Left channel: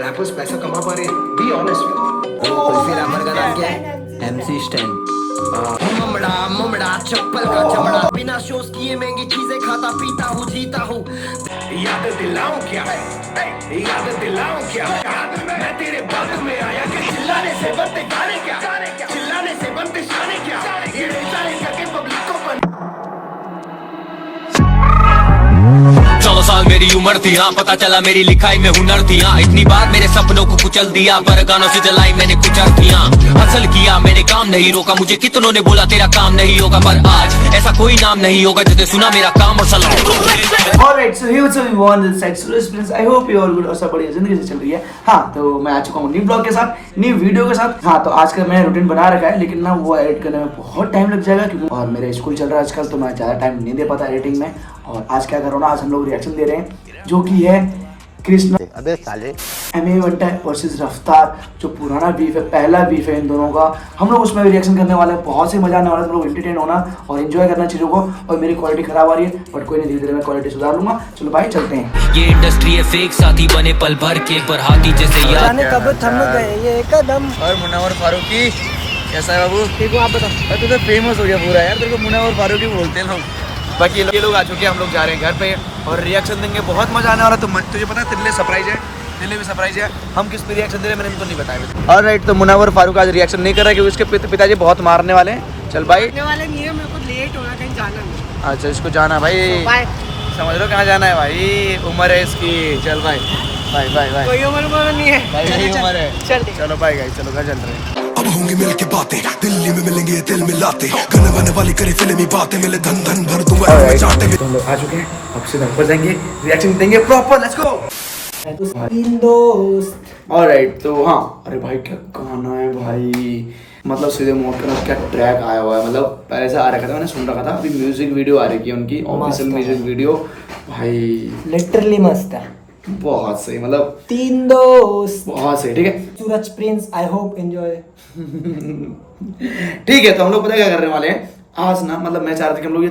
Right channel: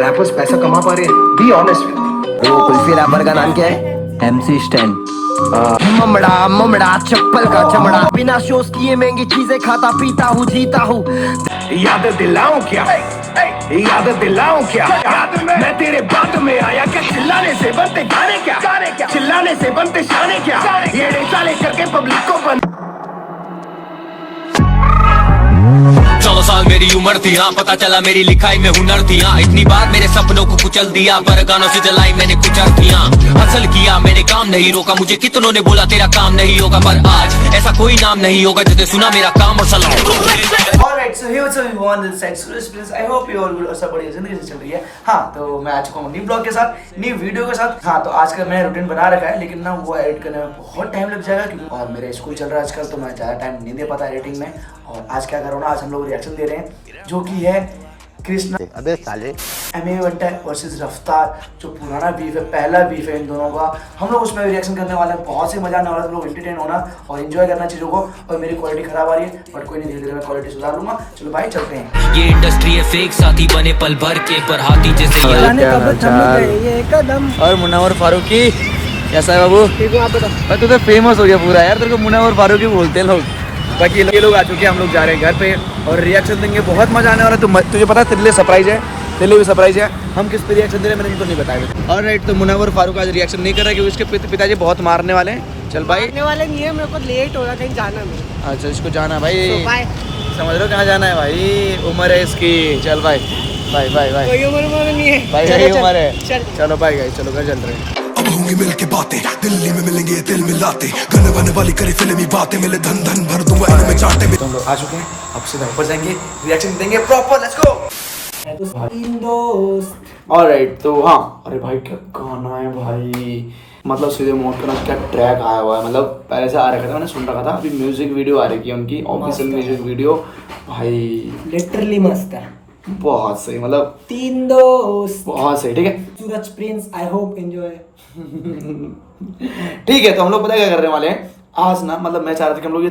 Rappers पैसा कमा पा रहे हैं, बी ऑनेस्ट विद वो कुल्फी रैपर का नाम क्या है? MC stand. ममड़ा ममड़ा चप्पल का चमड़ा, बिना शोज किए महंगी चीजें खाता पीता हूँ जीता हूँ। याद दिलाऊं क्या, याद दिलाऊं क्या, मैं तेरे बात में आया क्या, चिल्लाने से बनते गाने क्या, चिल्लाने से बनते शाने क्या, ये साले करके पब्लिक को बन। 14 साल मेरी उम्र थी, हाँ पता चला मेरी लिखाई में हुनर थी, हाँ इतनी बार मेरे सपनों को कुचल दिया, पर गानों से जलाई मैंने कुछ अर्थियां, हासिल किया मैंने काम नहीं रोका, मुझे कितनों ने बोला तेरा काम नहीं होगा, पर आज ऐसा कोई नाम नहीं होगा जिसने सुना मेरा काम और सलाम। Alright, so here what's up everyone, this is Express Prince. I hope you all good और सब बढ़िया जिंदगी से चल रही है। हाँ, तो मैं आ चुका हूँ न्यू ब्लॉग के साथ, न्यू वीडियो के साथ। हाँ, तो आज का मैंने रूटीन बना रखा है, लेकिन ना वो एडिट करने में बहुत टाइम लग जाएगा क्योंकि और मेरे स्कूल चल रहा है आजकल, तो मैं ज़्यादा टाइम नहीं दे पाता एडिटिंग में। और आज क्या कर रहा हूँ ना, आज हम लोग रिएक्शन दे रहे हैं जो कि है कृष्णा अबे साले MA वंटा वर्सेस रफ्तार, जो पुराना बीफ है, पहला बीफ है इन दोनों का। हम लोग उसमें रिएक्शन करने वाले हैं, बहुत से मजा आने वाला है, तुम लोग एंटरटेन होना और एंजॉय करना चीज़ों को। और मेरी क्वालिटी खराब आ रही है, बट कोई नहीं, धीरे धीरे मैं क्वालिटी सुधार लूंगा। चलो भाई चलते हैं। ये इंडस्ट्री है फेक, साथी बने पल भर के, पर हाथी जैसे याद। और मुनव्वर फारूकी कैसा है बाबू? ठीक है, आप बताओ। भाई तू तो फेमस हो गया पूरा यार, तेरे को मुनव्वर फारूकी बोलते हैं लोग। बाकी ये लोग आ चुके हैं, हम लोग जा रहे हैं घर पे और रिएक्शन देंगे, बहुत मजा आने वाला है। तुझे पता है तेरे लिए सरप्राइज है, तेरे लिए भी सरप्राइज है। हम किस पे रिएक्शन दे रहे हैं मैंने इनको नहीं बताया। और राइट, तो मुनव्वर फारूक आज रिएक्शन नहीं कर रहा है क्योंकि उसके पिताजी बहुत मारने वाले हैं। चल भाई, वाले नहीं है, मेरे को लेट हो रहा, कहीं जाना नहीं। अच्छा इसको जाना है भाई, समझ लो कहाँ जाना है भाई, उम्र है इसकी। चल भाई भाई भाई भाई, कोई उम्र नहीं है भाई यही उम्र है। चल चलो भाई गाइस, चलो घर चल रहे हैं। अब होंगी मिल के बातें, दिल्ली में मिलेंगे दिल मिलाते, गाने बने वाली करे फिल्मी बातें, मिले धन धन भर दूंगा में चाटे में। तो हम लोग आ चुके हैं, अब सीधा ऊपर जाएंगे, रिएक्शन देंगे प्रॉपर। लेट्स गो दोस्त। ऑलराइट, तो हाँ, अरे भाई क्या गाना है भाई, मतलब सीधे मोड का ना क्या ट्रैक आया हुआ है, मतलब पहले से आ रखा था, मैंने सुन रखा था। अभी म्यूजिक वीडियो आ रही है उनकी, ऑफिशियल म्यूजिक वीडियो भाई लिटरली मस्त है, बहुत सही, मतलब 3 दोस्त, बहुत सही। ठीक है सूरज प्रिंस, आई होप एंजॉय। ठीक है, तो हम लोग पता है क्या करने वाले हैं आज ना, मतलब मैं चाह रहा था कि हम लोग ये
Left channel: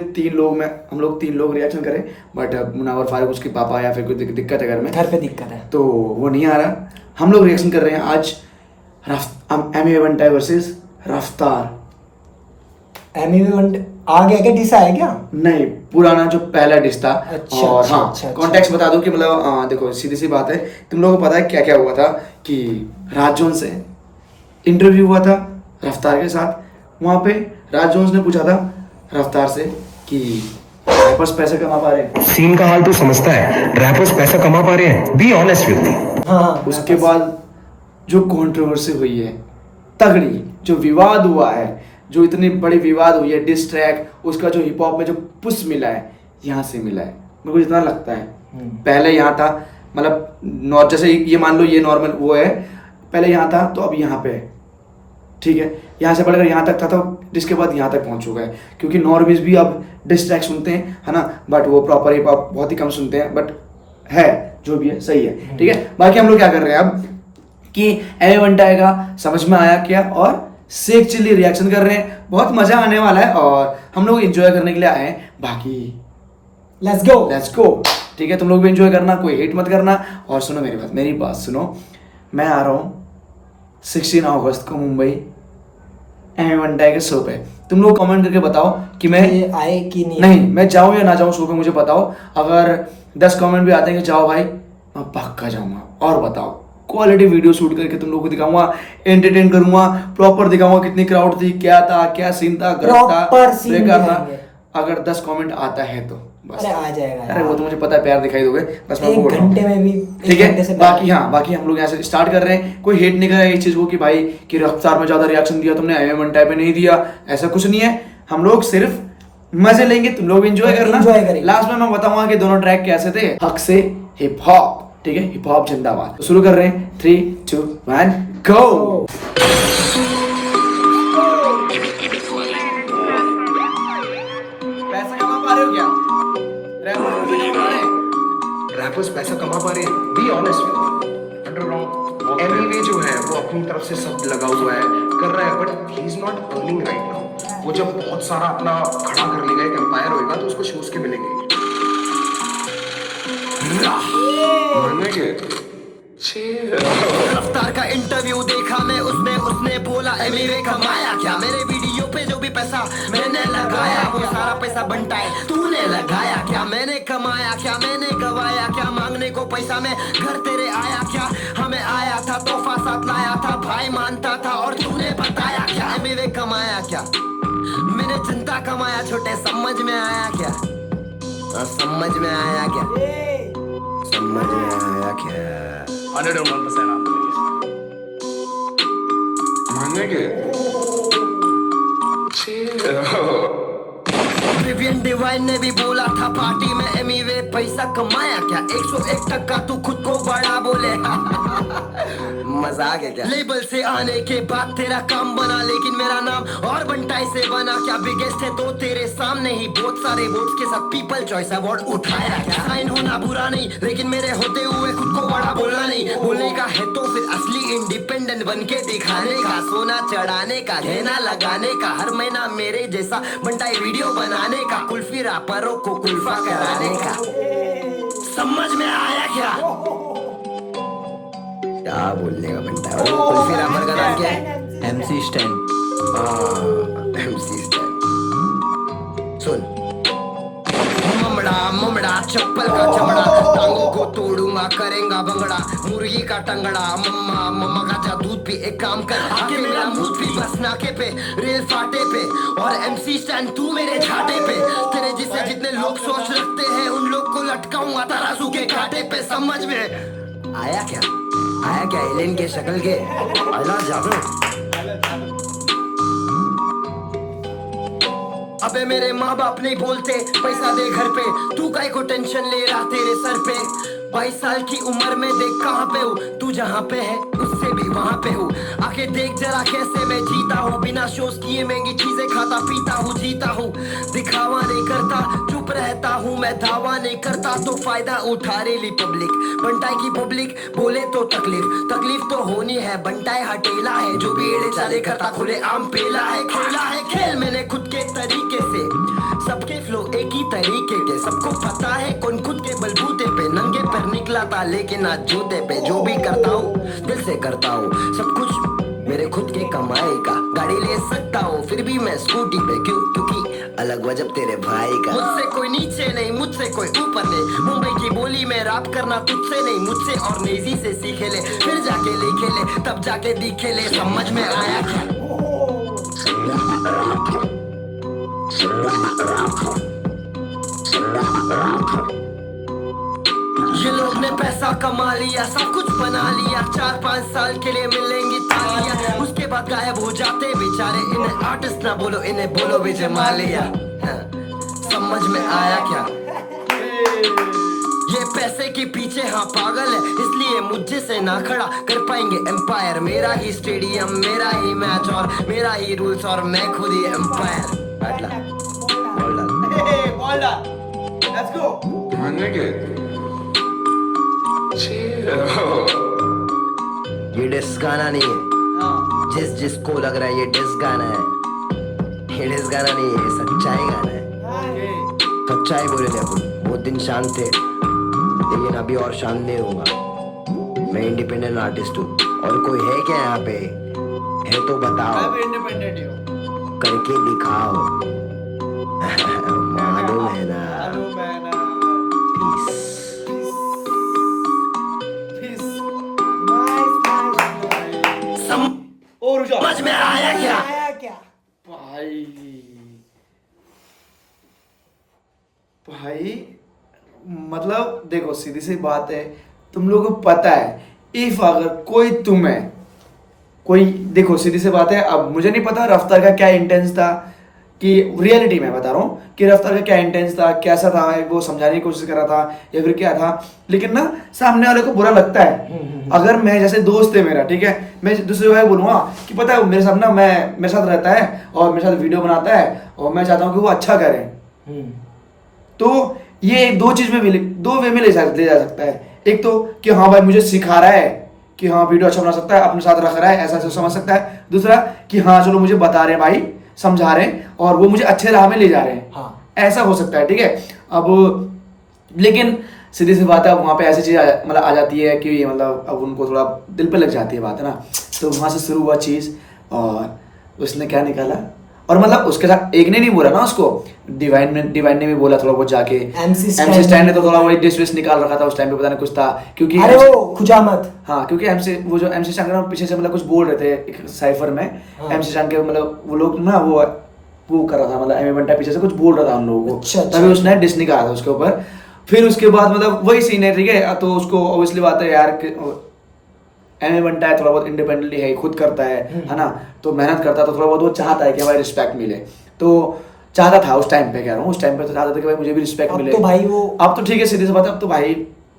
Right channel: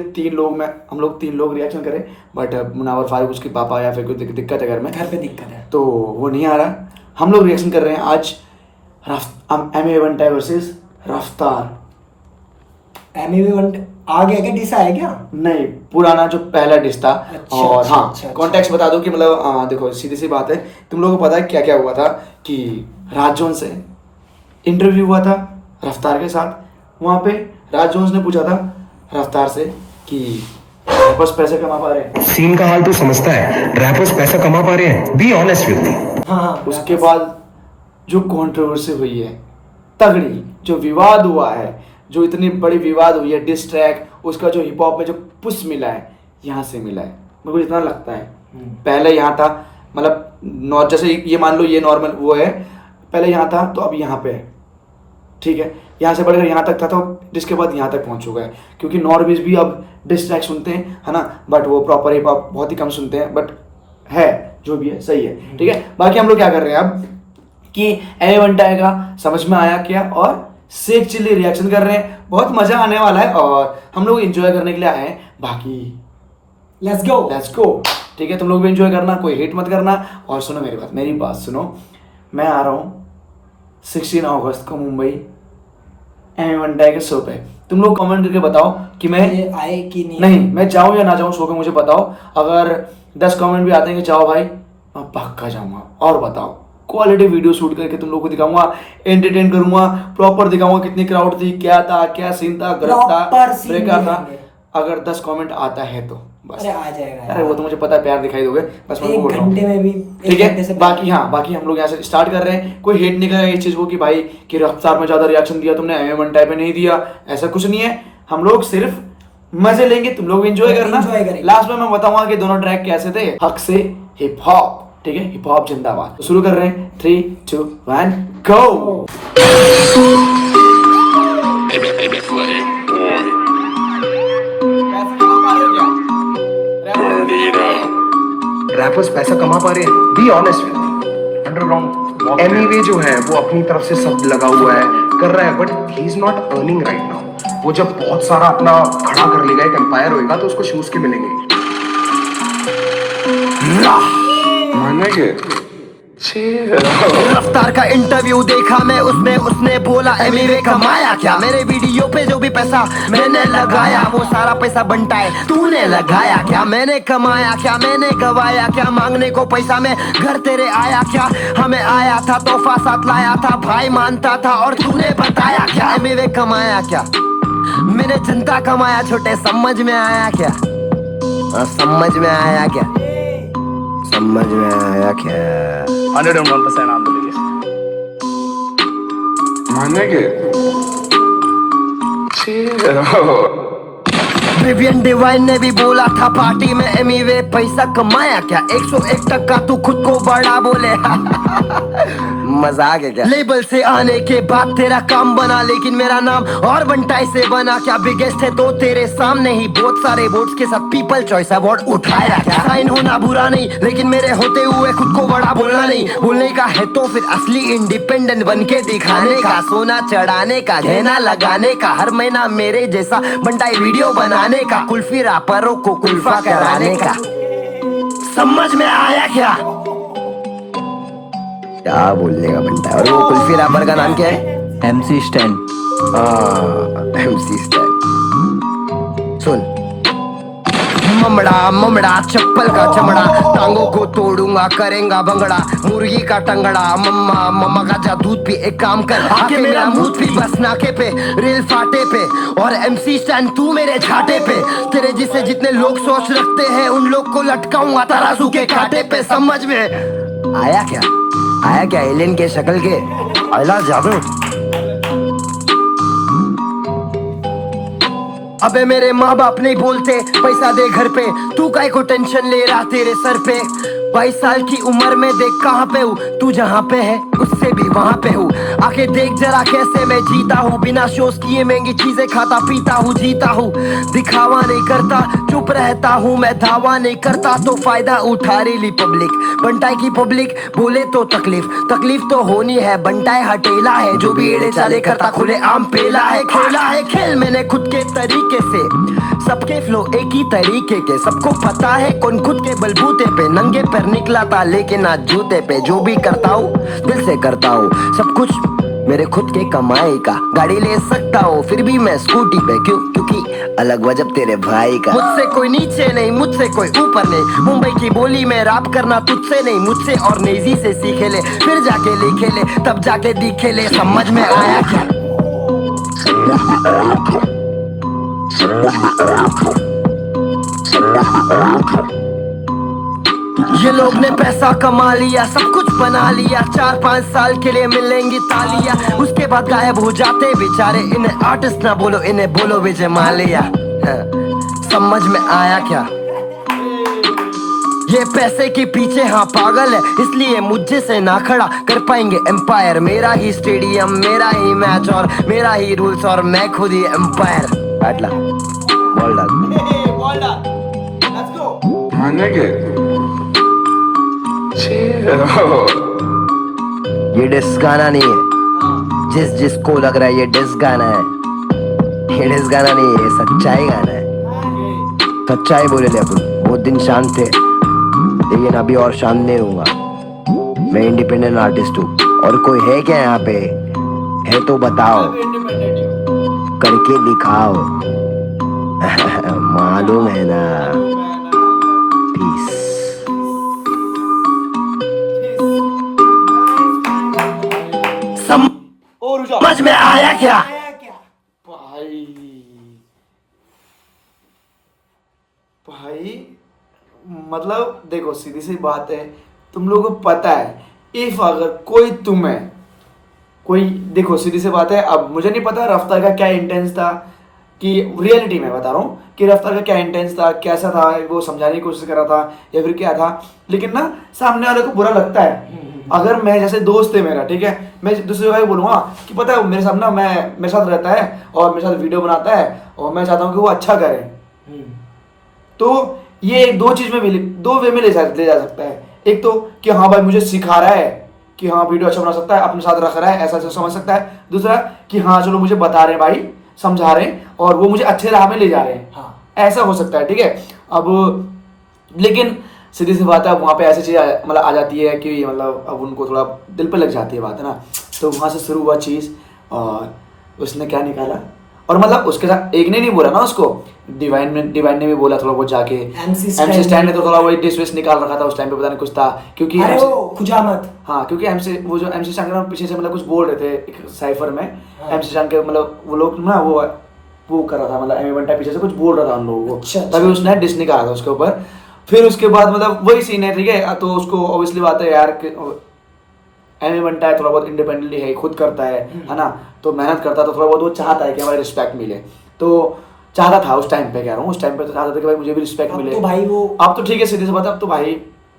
हम लोग तीन लोग रिएक्शन करें, बट मुनव्वर फारूक उसके पापा या फिर कोई दिक्कत है घर में, घर पे दिक्कत है, तो वो नहीं आ रहा। हम लोग रिएक्शन कर रहे हैं आज MA वंटा वर्सेस रफ्तार। MA आ गया क्या, डिस आया क्या? नहीं, पुराना जो पहला डिश था। अच्छा, और अच्छा, हाँ, अच्छा, कॉन्टेक्स्ट बता दो कि मतलब देखो सीधी सी बात है, तुम लोगों को पता है क्या क्या हुआ था कि राज जोन्स से इंटरव्यू हुआ था रफ्तार के साथ। वहाँ पे राज जोन्स ने पूछा था रफ्तार से कि रैपर्स पैसे कमा पा रहे हैं, सीन का हाल तू समझता है, रैपर्स पैसा कमा पा रहे हैं, बी ऑनेस्ट विद मी। हाँ, उसके बाद जो कंट्रोवर्सी हुई है तगड़ी, जो विवाद हुआ है, जो इतनी बड़ी विवाद हुई है, डिस ट्रैक, उसका जो हिप हॉप में जो पुश मिला है, यहाँ से मिला है। मेरे को जितना लगता है पहले यहाँ था, मतलब जैसे ये मान लो ये नॉर्मल वो है, पहले यहाँ था तो अब यहाँ पे है। ठीक है, यहाँ से बढ़कर यहाँ तक था, तो जिसके बाद यहाँ तक पहुँच चुका है, क्योंकि नॉर्मीज भी अब डिस ट्रैक सुनते हैं, है ना, बट वो प्रॉपर हिप हॉप बहुत ही कम सुनते हैं, बट है जो भी है सही है। ठीक है, बाकी हम लोग क्या कर रहे हैं अब कि MA वंटा का समझ में आया क्या, और सेक चिल्ली रिएक्शन कर रहे हैं, बहुत मजा आने वाला है और हम लोग एंजॉय करने के लिए आए हैं। बाकी लेट्स गो। ठीक है, तुम लोग भी एंजॉय करना, कोई हेट मत करना। और सुनो मेरी बात सुनो, मैं आ रहा हूँ 16 अगस्त को मुंबई MA वंटा के शो पे। तुम लोग कमेंट करके बताओ कि मैं आए कि नहीं, मैं जाऊँ या ना जाऊँ शो पे, मुझे बताओ। अगर 10 कमेंट भी आते हैं कि जाओ भाई, मैं पक्का जाऊँगा। और बताओ, क्वालिटी वीडियो शूट करके तुम लोग को दिखाऊंगा, एंटरटेन करूंगा, प्रॉपर दिखाऊंगा कितनी क्राउड थी, क्या था, क्या सीन था, गलत था, ब्रेकअप था। अगर 10 कमेंट आता है तो बस आ जाएगा। अरे वो तो मुझे पता है, प्यार दिखाई दोगे, बस मैं बोल रहा हूँ। ठीक है, ठीक बाकी हाँ, बाकी हम लोग यहाँ से स्टार्ट कर रहे हैं। कोई हेट नहीं करेगा इस चीज को कि भाई कि रफ्तार में ज्यादा रिएक्शन दिया तुमने, MA वंटा पे नहीं दिया, ऐसा कुछ नहीं है। हम लोग सिर्फ मजे लेंगे, तुम लोग एंजॉय करना। लास्ट में मैं बताऊंगा कि दोनों ट्रैक कैसे थे, हक से हिप हॉप। ठीक है, हिप हॉप जिंदाबाद। तो शुरू कर रहे हैं, 3 2 1 गो। पैसा कमा पा रहे हो क्या? रैपर्स पैसा कमा पा रहे हैं, be honest with me. Underground MA जो है वो अपनी तरफ से सब लगा हुआ है, कर रहा है, but he is not earning right now. वो जब बहुत सारा अपना खड़ा कर लेगा, एक एम्पायर होएगा, तो उसको शूज के मिलेंगे। रफ्तार का इंटरव्यू देखा मैं उसमें, उसने बोला एमिवे कमाया क्या। मेरे वीडियो पे जो भी पैसा मैंने लगाया वो सारा पैसा बनता है तूने लगाया क्या। मैंने कमाया क्या, मैंने गवाया क्या, मांगने को पैसा में घर तेरे आया क्या। हमें आया था तोहफा साथ लाया था, भाई मानता था और तूने बताया क्या। एमिवे कमाया क्या, मैंने जनता कमाया छोटे, समझ में आया क्या। समझ में आया क्या, समझ में आया क्या। 101% आप बोलिए। विवियन डिवाइन ने भी बोला था पार्टी में एमिवे पैसा कमाया क्या। 101% तू खुद को बड़ा बोले। मजाक है क्या। लेबल से आने के बाद तेरा काम बना, लेकिन मेरा नाम और बंटाई से बना क्या। बिगेस्ट है तो तेरे सामने ही बहुत सारे वोट्स के साथ पीपल चॉइस अवार्ड उठाया क्या। साइन होना बुरा नहीं, लेकिन मेरे होते हुए खुद को बड़ा बोलना नहीं। बोलने का है तो फिर असली इंडिपेंडेंट बन के दिखाने का। सोना चढ़ाने का, गहना लगाने का, हर महीना मेरे जैसा बंटाई वीडियो बनाने का, कुल्फी रापरों को कुल्फा कराने का। समझ में आया क्या बोलने का बनता है। और वो कुल्फी रापर का नाम क्या है? MC Stan. MC Stan. सुन, ममड़ा ममड़ा चप्पल का चमड़ा, टांगों को तोड़ूंगा करेंगा भंगड़ा। मुर्गी का टंगड़ा, मम्मा मम्मा का जा दूध पी। एक काम कर आके मेरा मुंह पी बस नाके पे, रेल फाटे पे। और MC स्टैंड तू मेरे झाटे पे। तेरे जिसे जितने लोग सोच रखते हैं उन लोग को लटकाऊंगा तराजू के कांटे पे। समझ में आया क्या, आया क्या। एलियन के शक्ल के अला जादू। अबे मेरे माँ बाप नहीं बोलते पैसा दे घर पे, तू काहे को टेंशन ले रहा तेरे सर पे। 22 साल की उम्र में देख कहाँ पे हूँ, तू जहाँ पे है उससे भी वहाँ पे हूँ। आके देख जरा कैसे मैं जीता हूँ, बिना शोज किए महंगी चीजें खाता पीता हूँ, जीता हूँ। दिखावा नहीं करता, चुप रहता हूँ मैं, दावा नहीं करता तो फायदा उठा रही पब्लिक। बंटाई की पब्लिक बोले तो तकलीफ, तकलीफ तो होनी है। बंटाई हटेला है, जो भी एड़े चाले करता खुले आम पेला है। खेला है खेल मैंने खुद के तरीके से, सबके फ्लो एक ही तरीके के। सबको पता है कौन खुद के बलबूते पे नंगे पैर निकला था, लेकिन आज जूते पे। जो भी करता हूँ दिल से करता हूँ, सब कुछ मेरे खुद के कमाई का। गाड़ी ले सकता हूँ फिर भी मैं स्कूटी पे, क्यों? क्योंकि अलग वजब तेरे भाई का। मुझसे कोई नीचे नहीं, मुझसे कोई ऊपर नहीं। मुंबई की बोली में रैप करना तुझसे नहीं, मुझसे और नेजी से सीखे ले। फिर जाके लिखे ले, तब जाके दिखे ले। समझ में आया क्या। ये लोग ने पैसा कमा लिया, सब कुछ बना लिया। 4-5 साल के लिए मिलेंगी तालियां, उसके बाद गायब हो जाते बेचारे। इन्हें आर्टिस्ट ना बोलो, इन्हें बोलो विजय माल्या। समझ में आया क्या। ये पैसे के पीछे हाँ पागल है, इसलिए मुझे से ना खड़ा कर पाएंगे एम्पायर। मेरा ही स्टेडियम, मेरा ही मैच और मेरा ही रूल्स, और मैं खुद ही एम्पायर। बैठ ला, बॉल डाल। Let's go. ये डिस गाना नहीं है, जिसको लग रहा है ये डिस गाना है, ये डिस गाना नहीं है, ये सच्चाई गाना है। सच्चाई बोले थे अपन, बहुत दिन शांत थे, लेकिन अभी और शांत नहीं होगा। मैं इंडिपेंडेंट आर्टिस्ट हूँ, और कोई है क्या यहाँ पे? है तो बताओ, करके दिखाओ। मालूम है ना। पीस। समझ में आया क्या? भाई मतलब देखो, सीधी सी बात है, तुम लोगों को पता है, इफ अगर कोई तुम्हें कोई, देखो सीधी सी बात है, अब मुझे नहीं पता रफ्तार का क्या इंटेंस था, कि रियलिटी में बता रहा हूँ कि रफ्तार का क्या इंटेंस था, कैसा था, वो समझाने की कोशिश कर रहा था या फिर क्या था। लेकिन ना सामने वाले को बुरा लगता है। अगर मैं, जैसे दोस्त है मेरा, ठीक है, मैं दूसरे भाई बोलूँगा कि पता है मेरे साथ ना, मेरे साथ रहता है और मेरे साथ वीडियो बनाता है और मैं चाहता हूँ कि वो अच्छा करे, तो ये दो चीज में भी, दो वे में ले जा सकता है। एक तो कि हाँ भाई मुझे सिखा रहा है कि हाँ वीडियो अच्छा बना सकता है, अपने साथ रख रहा है, ऐसा ऐसा समझ सकता है। दूसरा कि हाँ चलो मुझे बता रहे हैं भाई, समझा रहे हैं और वो मुझे अच्छे राह में ले जा रहे हैं, हाँ। ऐसा हो सकता है, ठीक है। अब लेकिन सीधी सी बात है, वहाँ पे ऐसी चीज़ मतलब आ जाती है कि मतलब अब उनको थोड़ा दिल पे लग जाती है बात, है ना। तो वहाँ से शुरू हुआ चीज़, और उसने क्या निकाला, और मतलब उसके साथ एक ने नहीं बोला ना उसको, डिवाइन ने भी बोला थोड़ा बहुत जाके। MC स्टैंड ने तो थोड़ा वही डिस निकाल रखा था उस टाइम पे, पता नहीं कुछ था, क्योंकि अरे वो खुजामत, हाँ, क्योंकि वो जो MC स्टैंड पीछे से मतलब कुछ बोल रहे थे एक साइफर में, MC स्टैंड के मतलब वो लोग ना वो कर रहा था, मतलब एमी बंटा पीछे से कुछ बोल रहा था उन लोगों को, तभी उसने डिस निकाला था उसके ऊपर। फिर उसके बाद मतलब वही सीन है, ठीक है। तो उसको ऑब्वियसली बात है यार, एमी बंटा है, थोड़ा बहुत इंडिपेंडेंटली है, खुद करता है ना, तो मेहनत करता है, तो थोड़ा बहुत वो चाहता है कि भाई रिस्पेक्ट मिले, तो चाहता था उस टाइम पे, कह रहा हूँ उस टाइम पे तो चाहता था कि भाई मुझे भी रिस्पेक्ट मिले। तो भाई वो अब तो ठीक है, सीधी सी बात है, अब तो भाई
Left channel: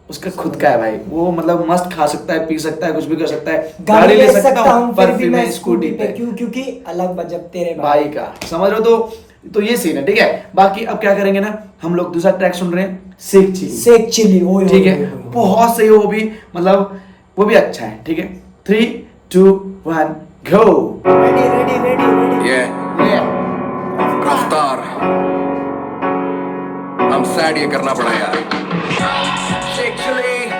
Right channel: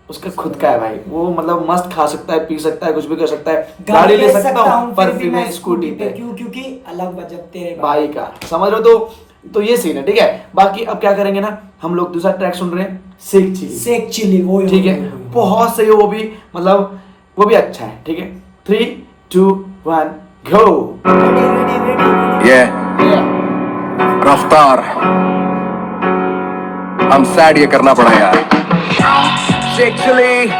उसका खुद का है भाई, वो मतलब मस्त खा सकता है, पी सकता है, कुछ भी कर सकता है, गाड़ी ले सकता हूँ पर फिर मैं स्कूटी पे, क्योंकि अलग बजट तेरे भाई का, समझ रहे हो। तो ये सीन है, ठीक है। बाकी अब क्या करेंगे ना, हम लोग दूसरा ट्रैक सुन रहे हैं, शेख चिली, वो ठीक है, बहुत सही है वो भी, मतलब वो भी अच्छा है, ठीक है। 3, 2, 1 गो। ये रफ्तार, हम सैड ये करना पड़ा यार। शेख चिली,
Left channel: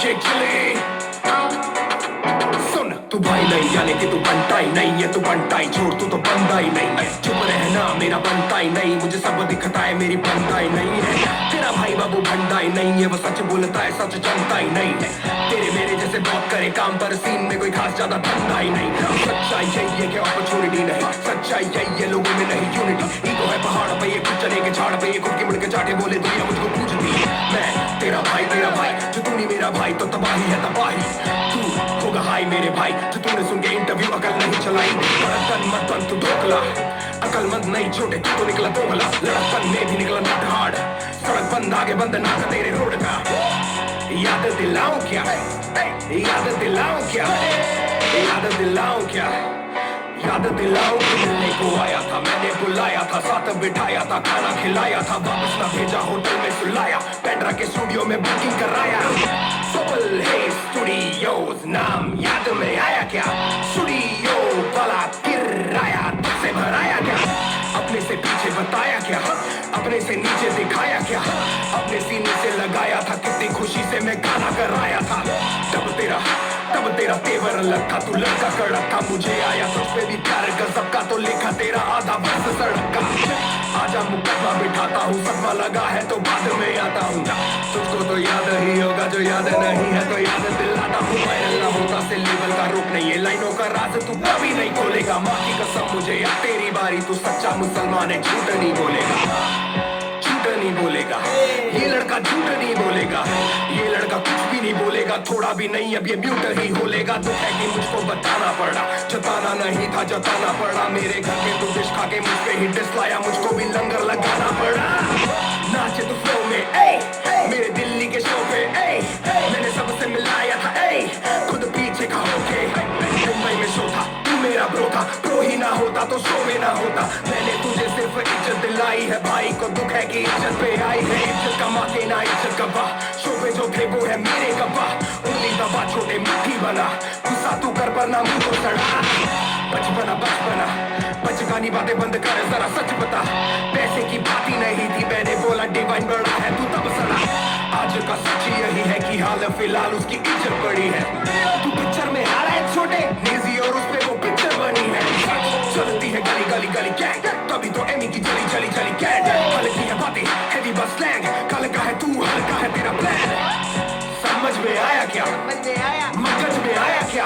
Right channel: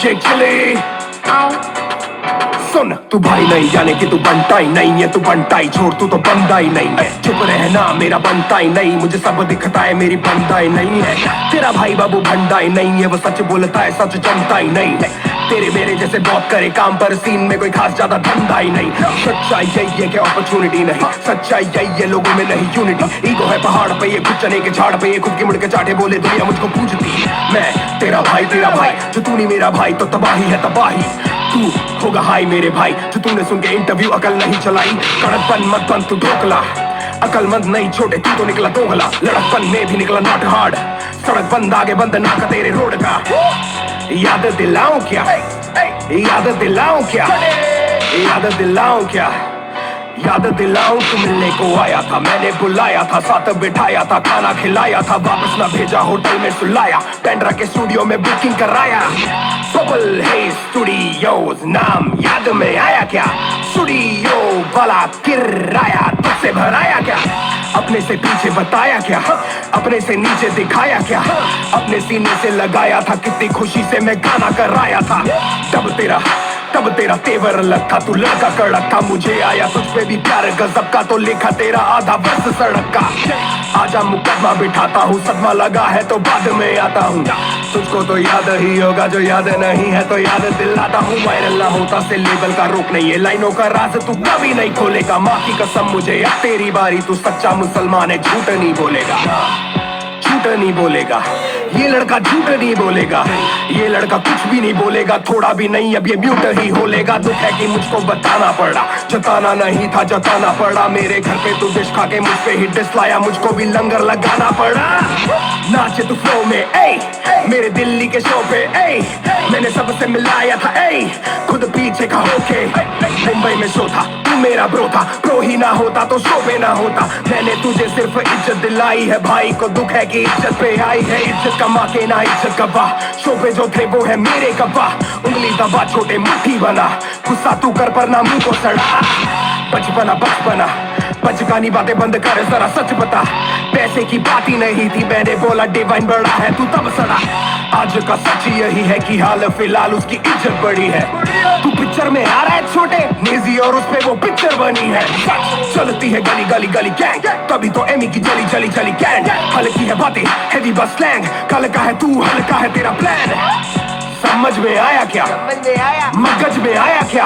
शेख चिली, सुन तू भाई नहीं, यानी कि तू बनता ही नहीं है, तू बनता ही छोड़, तू तो बनता ही नहीं है। चुप रहना, मेरा बनता ही नहीं, मुझे सब दिखता है, मेरी बनता ही नहीं है। तेरा भाई बाबू भंडा ही नहीं है, वो सच बोलता है, सच जमता ही नहीं है। तेरे मेरे जैसे बहुत करे काम, पर सीन में कोई खास ज्यादा धंधा ही नहीं। सच्चाई यही है कि अपॉर्चुनिटी नहीं, सच्चाई यही है लोगों में नहीं यूनिटी। ईगो है पहाड़ पे, ये खुद चने के झाड़ पे, ये खुद की मुड़ के चाटे बोले दुनिया मुझको पूछती। मैं तेरा भाई जो तू नहीं मेरा भाई, तो तबाही है तबाही। तू होगा हाई मेरे भाई, जो तूने सुन के इंटरव्यू अकल नहीं चलाई। कड़कपन मत बन तू ढोकला, अकलमंद नहीं छोटे, तू तो निकला दोगला। लड़कपन में भी निकला नॉट हार्ड, सड़क बंद आगे बंद ना का तेरे रोड का। याद दिलाऊं क्या, याद दिलाऊं क्या, याद दिलाऊं क्या, याद दिलाऊं तू मिलने को आया था, मैंने बुलाया था, साथ बिठाया था, खाना खिलाया था, वापस ना भेजा, होटल में सुलाया, पेंड्रा के स्टूडियो में बुकिंग कराया। सोबल है स्टूडियोज, नाम याद में आया क्या, स्टूडियो वाला किराया तुझसे भराया क्या, अपने से पीछे बताया क्या, अपने से नीचे दिखाया क्या, अपने सीने से लगाया था, कितनी खुशी से मैं गाना कराया था। तब तेरा तेवर अलग था, तू लड़का कड़क था, मुझे आया तुझ पे भी प्यार गजब का, तो लिखा तेरा आधा बस सड़क का। आजा मुकदमा बिठाता हूँ, सदमा लगा है तो बाद में आता हूँ, तुझको तो याद ही होगा, जो याद नहीं है तो याद दिलाता हूँ। वायरल ना होता से लेवल का रोक नहीं है, लाइनों का राज तू कभी नहीं खोलेगा, माँ की कसम मुझे अब तेरी बारी, तू सच्चा मुसलमान है, झूठ नहीं बोलेगा, झूठ नहीं बोलेगा, ये लड़का झूठ नहीं बोलेगा, ये लड़का कुछ भी नहीं बोलेगा, थोड़ा भी नहीं, अब ये म्यूट ही होलेगा। दुख है कि मुझको बताना पड़ा, जताना नहीं था जताना पड़ा, मेरे घर पे तू डिश खा के मुझ पे ही डिस लाया, मुझको भी लंगर लगाना पड़ा। नाचे तू फ्लो में, मेरे दिल्ली के शो पे, मैंने सबसे मिलाया था, खुद पीछे का होके, मुंबई में शो था, तू मेरा ब्रो था, प्रो ही ना होता तो शो पे ना होता, मैंने तुझे सिर्फ इज्जत दिलाई है, भाई को दुख है कि इज्जत पे आई है, इज्जत कमा के ना इज्जत गवा, शो पे जो थे वो है मेरे गवाह, उंगली दबा छोटे मुट्ठी बना, गुस्सा तू कर पर ना मुंह को सड़ा, बचपना बचकानी बातें बंद कर, जरा सच बता, पैसे की बात ही नहीं थी, मैंने बोला डिवाइन बड़ा है, तू तब सड़ा। आज का सच यही है कि हाल फिलहाल उसकी इज्जत बड़ी है, तू पिक्चर में आ रहा है छोटे निजी और उसपे वो पिक्चर बनी है, चलती है गली गली गली गैंग, तभी तो एमी की जली जली जली गैंग, हल्की है बातें हैवी बस स्लैंग, कल का है तू हल्का है तेरा प्लान, समझ में आया क्या, मगज में आया क्या,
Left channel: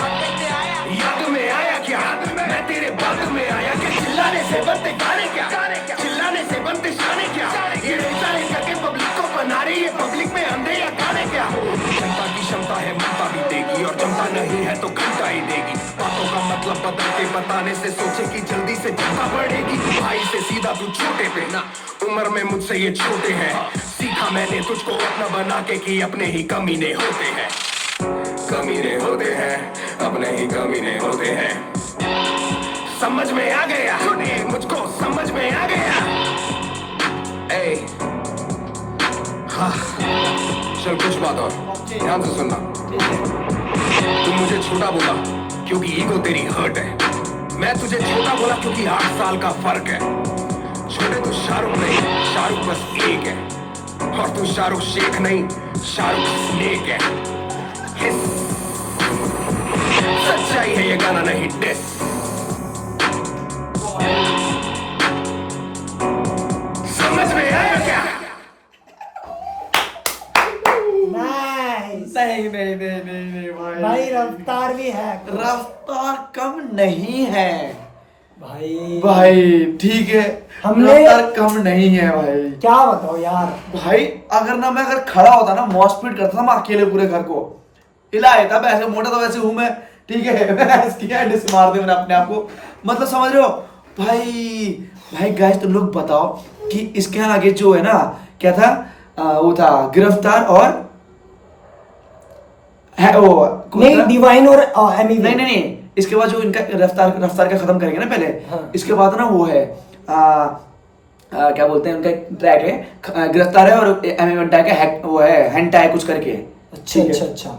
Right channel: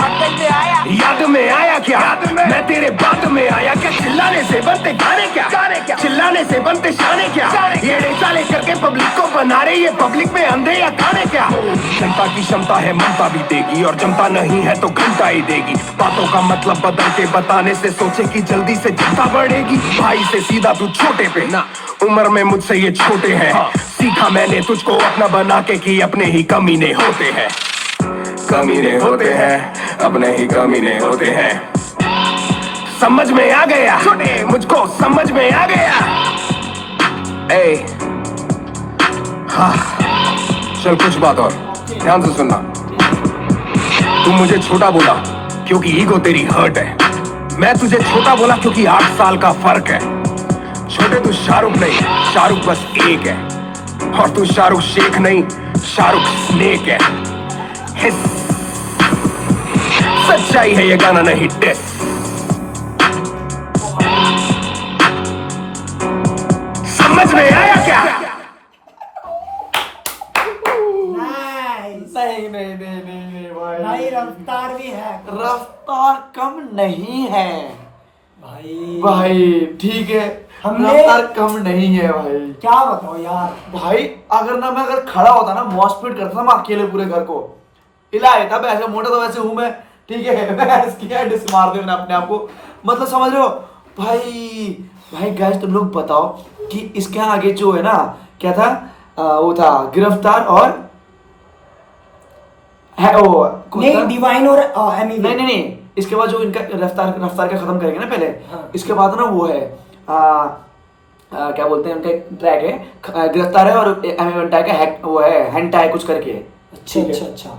याद में आया क्या, मैं तेरे बात में आया क्या, चिल्लाने से बनते गाने क्या, चिल्लाने से बनते शाने क्या, ये साले करके पब्लिक को बना रहे, ये पब्लिक में अंधे या काने क्या। जनता की क्षमता है ममता भी देगी, और जमता नहीं है तो घंटा ही देगी, बातों का मतलब बदल के बताने से सोचे कि जल्दी से जनता बढ़ेगी, भाई से सीधा तू छोटे पे ना, उम्र में मुझसे ये छोटे हैं, सीखा मैंने तुझको अपना बना के कि अपने ही कमीने होते हैं, कमीने होते हैं, अपने ही कमीने होते हैं, समझ में आ गया, मुझको समझ में आ गया। हाँ चल कुछ बात और ध्यान से सुनना, तू मुझे छोटा बोला क्योंकि ईगो तेरी हर्ट है, मैं तुझे छोटा बोला क्योंकि 8 साल का फर्क है, छोटे तू शाहरुख नहीं, शाहरुख बस एक है, और तू शाहरुख शेख नहीं, शाहरुख स्नेक है। सच्चाई है ये गाना नहीं डिस। समझ में आया क्या? नाइस नहीं भाई, रफ्तार भी है रफ्तार कम नहीं है भाई। ठीक है, हमने- रफ्तार कम नहीं है भाई। क्या बताओ यार, भाई अगर खड़ा होता ना, मॉस स्पीड करता था मैं अकेले पूरे घर को हिला देता। वैसे मोटा तो वैसे हूं मैं, ठीक है। मैं डिस मार दे मैंने अपने आप को, मतलब समझ रहे हो भाई गाइस तुम लोग बताओ कि इसके आगे जो है ना, क्या था, वो था गिरफ्तार और है वो नहीं था? डिवाइन और एमी। नहीं, इसके बाद जो इनका रफ्तार का खत्म करेंगे ना पहले, हाँ। इसके बाद ना वो है क्या बोलते हैं, उनका एक ट्रैक है, गिरफ्तार है, और एमी वंटा का वो है हेंटाई कुछ करके। अच्छा ठीक है? अच्छा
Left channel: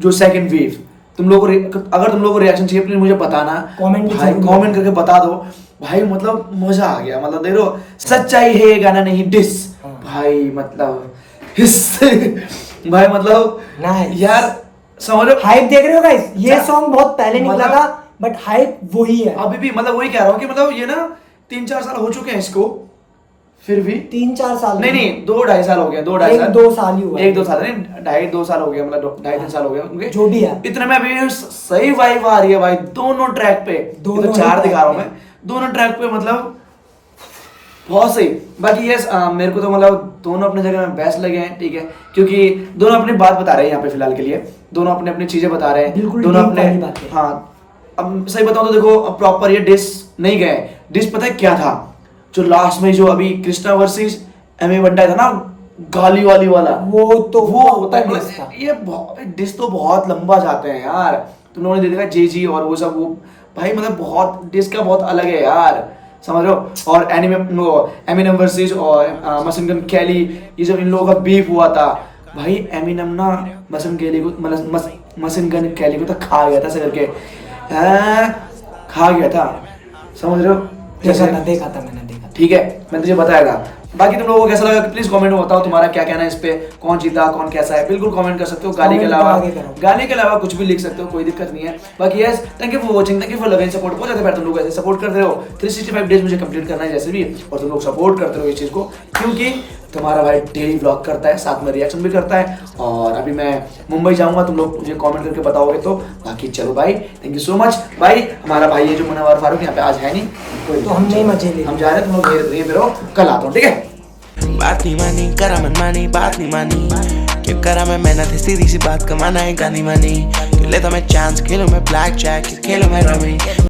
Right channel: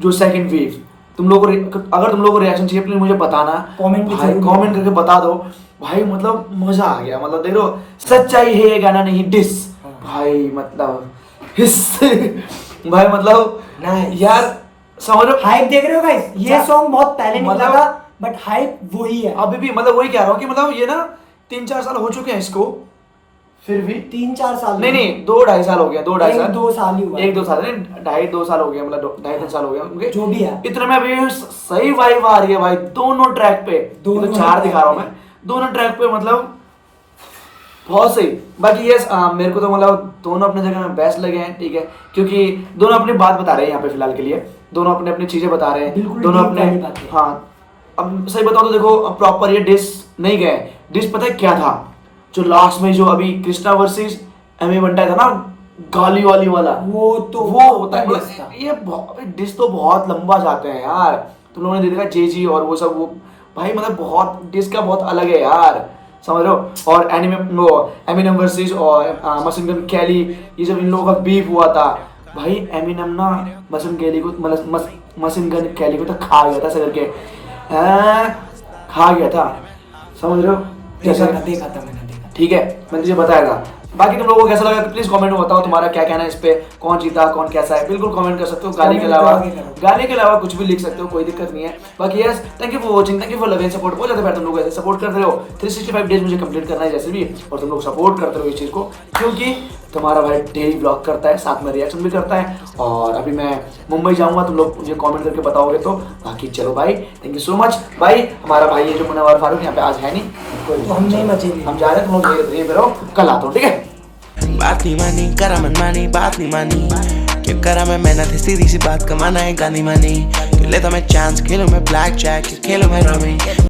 जो सेकंड वेव, तुम लोगों को अगर तुम लोगों को रिएक्शन चाहिए प्लीज मुझे बताना, Comment भाई जरूर कमेंट करके बता दो भाई। मतलब मजा आ गया, मतलब देख लो, सच्चाई है ये गाना नहीं डिस। भाई मतलब हिस्स भाई मतलब Nice. यार समझ लो, हाइप देख रहे हो गाइस, ये अच्छा। सॉन्ग बहुत पहले निकला मतलब- था बट हाइप वही है। अभी भी मतलब वही कह रहा हूँ कि मतलब ये ना 3-4 साल हो चुके हैं इसको, फिर भी 3-4 साल नहीं 2-2.5 साल हो गया, 2-2.5 साल, 1-2 साल ही हुआ। 1-2 साल नहीं, 2.5 साल हो गया, मतलब 2.5-3 साल हो गया उनके, जो भी है। इतने में अभी सही वाइब आ रही है भाई दोनों ट्रैक पे। ये तो दोनों 4 ही दिखा रहा हूँ मैं, दोनों ट्रैक पे मतलब बहुत सही। बाकी यस मेरे को तो मतलब दोनों अपनी जगह में बेस्ट लगे हैं, ठीक है, क्योंकि दोनों अपनी बात बता रहे हैं यहाँ पे फिलहाल के लिए, दोनों अपने अपनी चीजें बता रहे हैं, बिल्कुल दोनों deep अपने, वाली बातें। हाँ अब सही बताओ तो देखो प्रॉपर ये डिस नहीं गए, डिस पता है क्या था, जो लास्ट में जो अभी कृष्णा वर्सेस एमी वंटा था ना, गाली वाली वाला, वो तो वो होता है diss मतलब था। ये डिस तो बहुत लंबा जाते हैं यार, तुम लोगों ने देखा जेजी और वो सब, वो भाई मतलब बहुत डिस का बहुत अलग है यार, समझ रहे हो। और एनिमे वो एमिनम वर्सेस और मशीन गन कैली, ये जब इन लोगों का बीफ हुआ था भाई, एमिनम ना मशीन कैली को मशीन गन कैली को तो खा गया था सगर के, खा गया था, समझ रहे हो जैसे। देखा था मैंने। ठीक है, मैंने तुझे बताया था। बाकी तुम लोगों को कैसा लगा प्लीज कमेंट में बताओ, तुम्हारा क्या कहना है इस पे, कौन जीता कौन कैसा है, बिल्कुल कमेंट कर सकते हो। गाली के अलावा कुछ भी लिख सकते हो, कोई दिक्कत नहीं है। बाकी yes, thank you for watching, thank you for loving support. बहुत ज्यादा प्यार तुम लोग ऐसे सपोर्ट करते रहो, 365 डेज मुझे कंप्लीट करना है जैसे भी, और तुम लोग सपोर्ट करते रहो इस चीज को, क्योंकि तुम्हारा भाई डेली ब्लॉग करता है, साथ में रिएक्शन भी करता है। और अभी मैं मुंबई जाऊंगा, तुम लोग मुझे कमेंट करके बताओगे तो। बाकी चलो भाई, थैंक यू सो मच भाई। हमारा भाई ये जो मुनव्वर फारूक यहाँ पे आज है नहीं, कोई तो हम ये मजे ले हम जा रहे हैं, तुम लोग यहीं पे रहो, कल आता हूँ, ठीक है। बात नहीं मानी करा मनमानी, बात नहीं मानी क्यों करा मैं मेहनत है, सीधी सी बात कमाना है गानी मानी, क्यों लेता मैं चांस, खेलूं मैं ब्लैक जैक, खेलूं मैं रमी।